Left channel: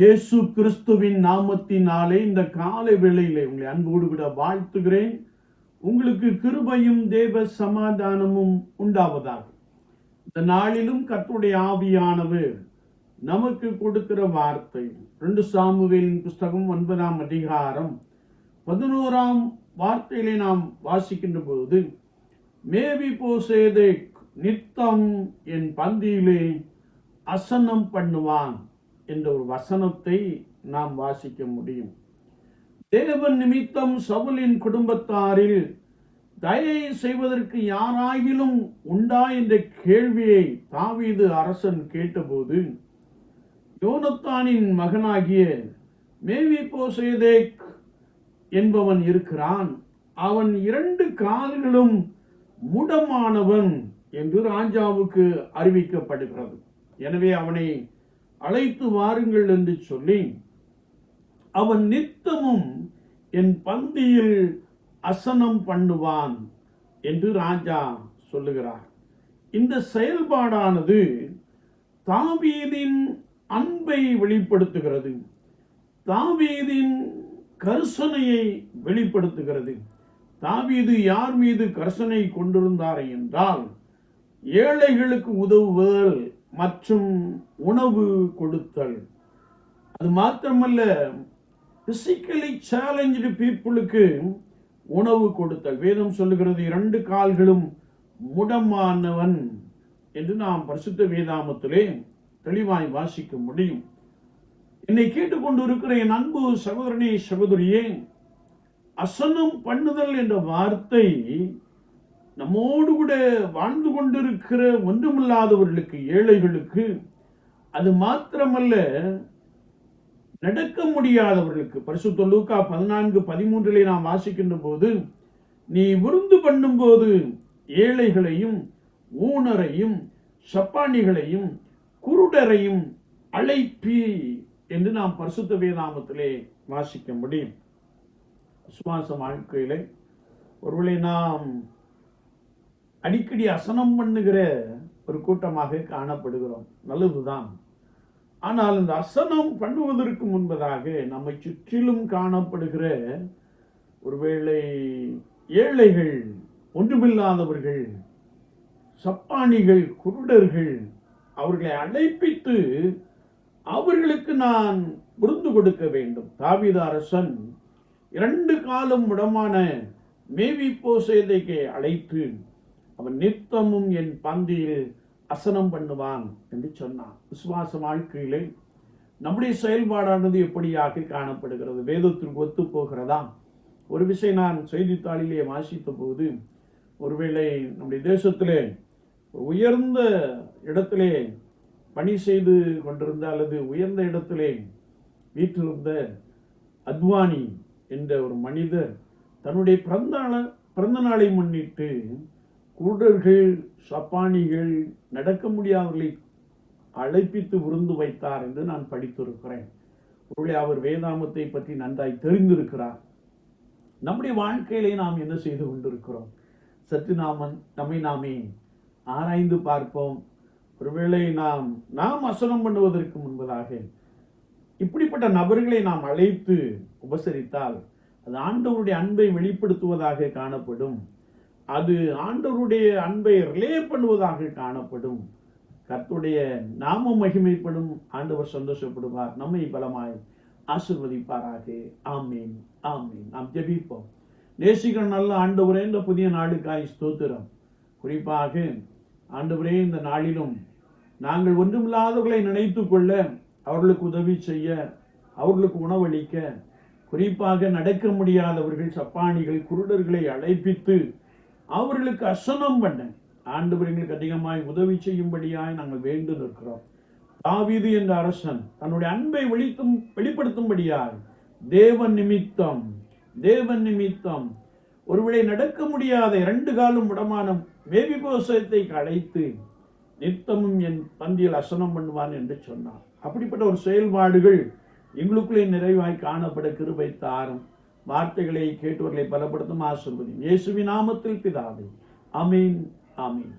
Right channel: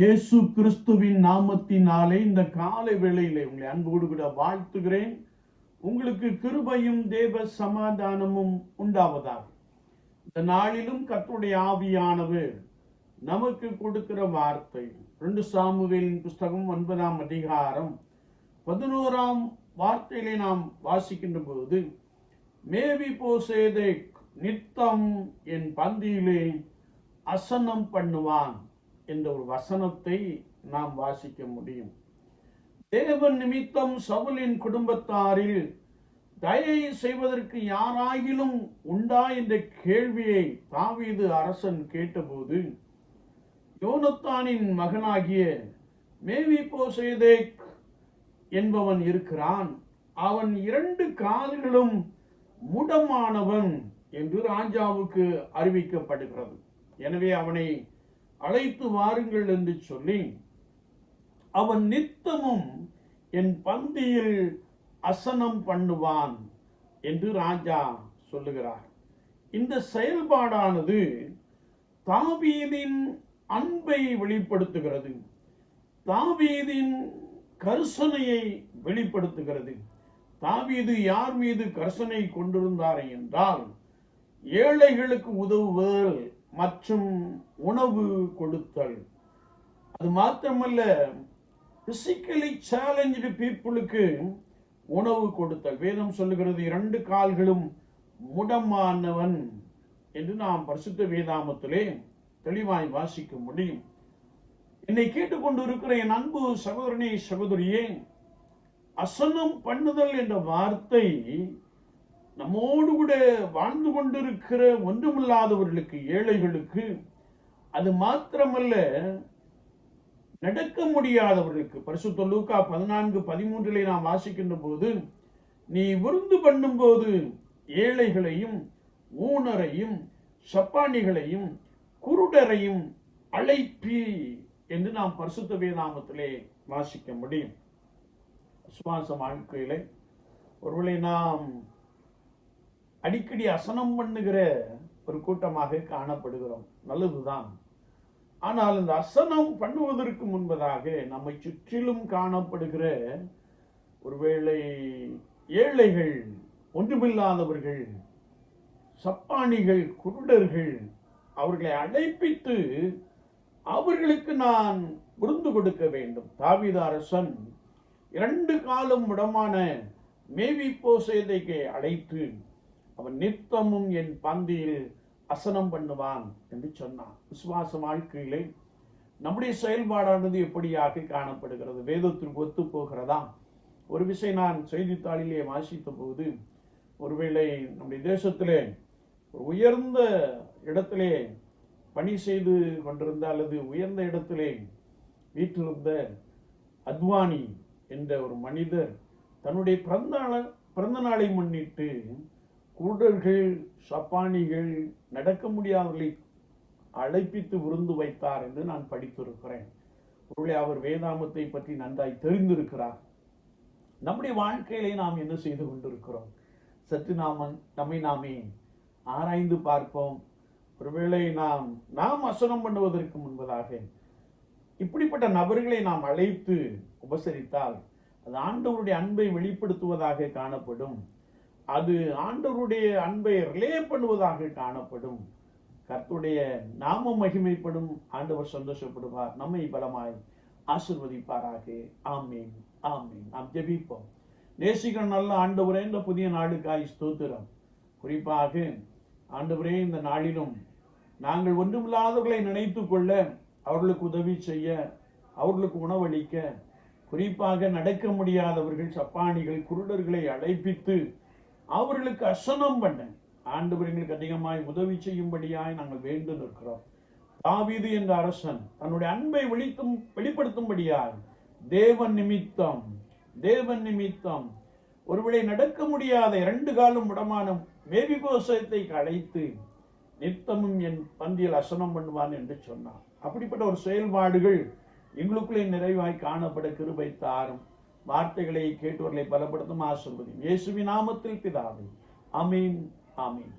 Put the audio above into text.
இயேசு கிறிஸ்துவின் நாமத்தினாலே இந்த காலை வேளையிலே உங்களை அன்போடு கூட வாழ்த்துகிறேன். உங்களுக்கு கிருபையும் தேவ சமாதானமும் உண்டாவதாக. இந்த நாளிலும் கத்துடைய ஆவியானவர் நமக்கு கொடுக்கிற வார்த்தை ரெண்டு சாமுவேலின் புஸ்தகம் ஒன்பதாம் அதிகாரம் பதினோராம் வார்த்தையிலே நாம் வாசிக்கின்ற போது மேவி போசேதே நித்தம் என் பந்தியிலே அசனம் பண்ணுவான். என்ற ஒரு வசனத்தை நாம் வாசிக்க முடியும். தேவன் நிமித்தம் சவுலின் குடும்பத்தாரில் தயை செய்வதற்கு யாராகிலும் உண்டா என்ற கேள்வியை தாவீது அரசன் கேட்டபோது யோனத்தானின் மகனாகிய மேவி போசேதேக் என்பவன் இருக்கிறான். அவன் இரண்டு கால்களும் முடமானவன் என்று ராஜாவுக்கு அறிவிக்கப்படுகிறது. எனவே அவனை அழைத்து வாருங்கள் என்று சொல்லி அவன் நித்தமும் என் பந்தியில் அசனம் பண்ணுவான் என்று ராஜா சொல்லுகிறார். இந்த செயல்பாடானது தாவீதின் அன்பை வெளிப்படுத்துகிறது. தாவீதின் கர்சனையை வெளிப்படுத்துகிறது. தாவீது யார் மீது கர்சனை கொண்டிருந்தார் என்றால் ஏழைகளுக்கு உதவுவதில் மற்றும் உணவு கொடுத்தல். அது மாத்திரமல்ல பிசிக்கலி சேலஞ்சு பீப்புளுக்கு உணவு கொடுத்தல். வேதம் சொல்லுகிறது இரண்டு கால்களும் முடமானவன் என்று நாம் பரிசுத்த வேதாமத்திலே தெளிவாய் வாசிக்க முடியும். என்னை கேட்டுக்கொண்டு இருக்கிற என் அன்பு சகோதரனே சகோதரியே அசனம் பண்ணுதல் என்ற வார்த்தை நம்மோடு கூட வாழ்ந்து கொண்டிருக்கிற ஒன்றுமில்லாதவர்களுக்கு ஏழைகளுக்கு அது மாத்திரமல்ல நடக்க முடியாதவர்களுக்கு. பரிசு தொல்லூக்கா பதினான்கு பதிமூன்றிலே நாம் வாசிக்கின்ற போது நீ விருந்து பண்ணும்போது ஏழைகளையும் ஊனரையும் சப்பானிகளையும் குருடரையும் அழைப்பி என்று நாம் பரிசுத்த வேதாமத்திலே வாசிக்க முடியும். விசுவாச வாழ்க்கையிலே ஒருவேளை நாம் அடிக்கடி அசனம் பண்ணுகிற ஒரு கூட்டமாக காணப்படுகிறோம். நல்லதுதான். ஆனால் இந்த அசனம் பண்ணுவதற்கு முன்பதாக நம்மை சுற்றிலும் காணப்படுகிற ஒருவேளை ஏழைகள் ஒன்றுமில்லாதவர்கள் சப்பானிகள் குருடர்கள் அவர்களை அழைப்பித்து அவர்களுக்கு நான் விருந்து கொடுக்க வேண்டும். தாவித அரசன் இரண்டு காலம் விடமான மேவி போசேதைக்கு அழைத்து அவன் நித்தமும் என் பந்தியில் அசனம் பண்ணுவான் என்று சொன்னான். விசுவாச வாழ்க்கையிலே நம்முடைய செயல்பாடானது எப்படியாக காணப்படுகிறது? வேதத்திற்கு ஒத்து போகிறதா ஒரு விஷயம் நான் செய்தித்தாளிலே வாசித்த போது ஒருவேளை நம்முடைய தேசத்திலே உயர்ந்த இடத்திலே பணி செய்து கொண்டிருந்த அல்லது உயர்ந்த இடத்திலே வீற்றிருந்த அத்வானி என்ற ஒரு மனிதர் தன்னுடைய பிறந்த நாள- பிறந்த நாளை முன்னிட்டு குருடர்கள் சப்பானிகள் நடக்க முடியாதவர்களை அழைப்பித்து விருந்து வைத்தார் என்று நான் படித்திருக்கிறேன். ஒருவேளை அவர் வேதாமத்தை பற்றி நன்றாய் தெரிந்திருக்கிறார். நம்முடைய வாழ்க்கையிலே நாம் என்ன செய்து கொண்டிருக்கிறோம்? சற்று நாம நம்மை நாமே ஆராய்ந்து பார்ப்போம். ஒருவேளை நாம் நாம் அசனம் பண்ணுவதற்கு முன்பதாக இப்படிப்பட்ட நபர்களை நாம் அழைத்து உபசரித்தால் அது ஆண்டவருடைய அன்பை வெளிப்படுத்துவதாக காணப்படும். அது ஆண்டவருடைய அன்பை ரிலே பண்ணுவதாக காணப்படும். கர்த்துடைய நாம மகிமைப்படும். ஆண்டவர் சந்தோஷப்படுவார். நம்மை பலமாய் ஆசிர்வதிப்பாராக. ஆமீன். ஆமீன். நாம் ஜெபிப்போம். நேசிக்கிற நல்ல ஆண்டவரே இந்த புதிய நாடுக்காய் ஸ்தோத்திரம். குறிப்பாக ஆண்டவரே இந்த நாளிலும் நாங்கள் ஒன்றுமில்லாதவர்களை நினைத்து கொள்ள அவர்களுக்கு உதவி செய்ய அவர்களுக்கு உணவளிக்க குறிப்பாக நடக்க முடியாதவர்கள் சப்பானிகள் குருடர்களை அழைப்பித்து அவர்களுக்கு அசனம் பண்ண ஆண்டவர் எங்களுக்கு அதிகமாய் உதவி செய்யும்படியாய் நாங்கள் வேண்டு நிற்கிறோம் தாவீது என்ற அரசன் தன்னுடைய அன்பை வெளித்தும் வெளிப்படுத்தும்படியார் தேவன் நிமித்தம் தேவன் நிமித்தம் ஒருவேளை நடக்க முடியாத இரண்டு காலம் விடமான மேபி கோசத்தை அழைத்து நித்தமும் என் பந்தியில் அசனம் பண்ணுவான் என்று சொன்னார் அப்படிப்பட்ட ஒரு செயல்பாடுகள் எங்களுக்குள்ளே நிறைவாய் காணப்பட கிருபை தாரும். வார்த்தைகளை கேட்டவர்களை பலப்படுத்தும் ஆசிர்வதி இயேசுவின் நாமத்தில் பிதாவே. அமீன் ஆமீன்.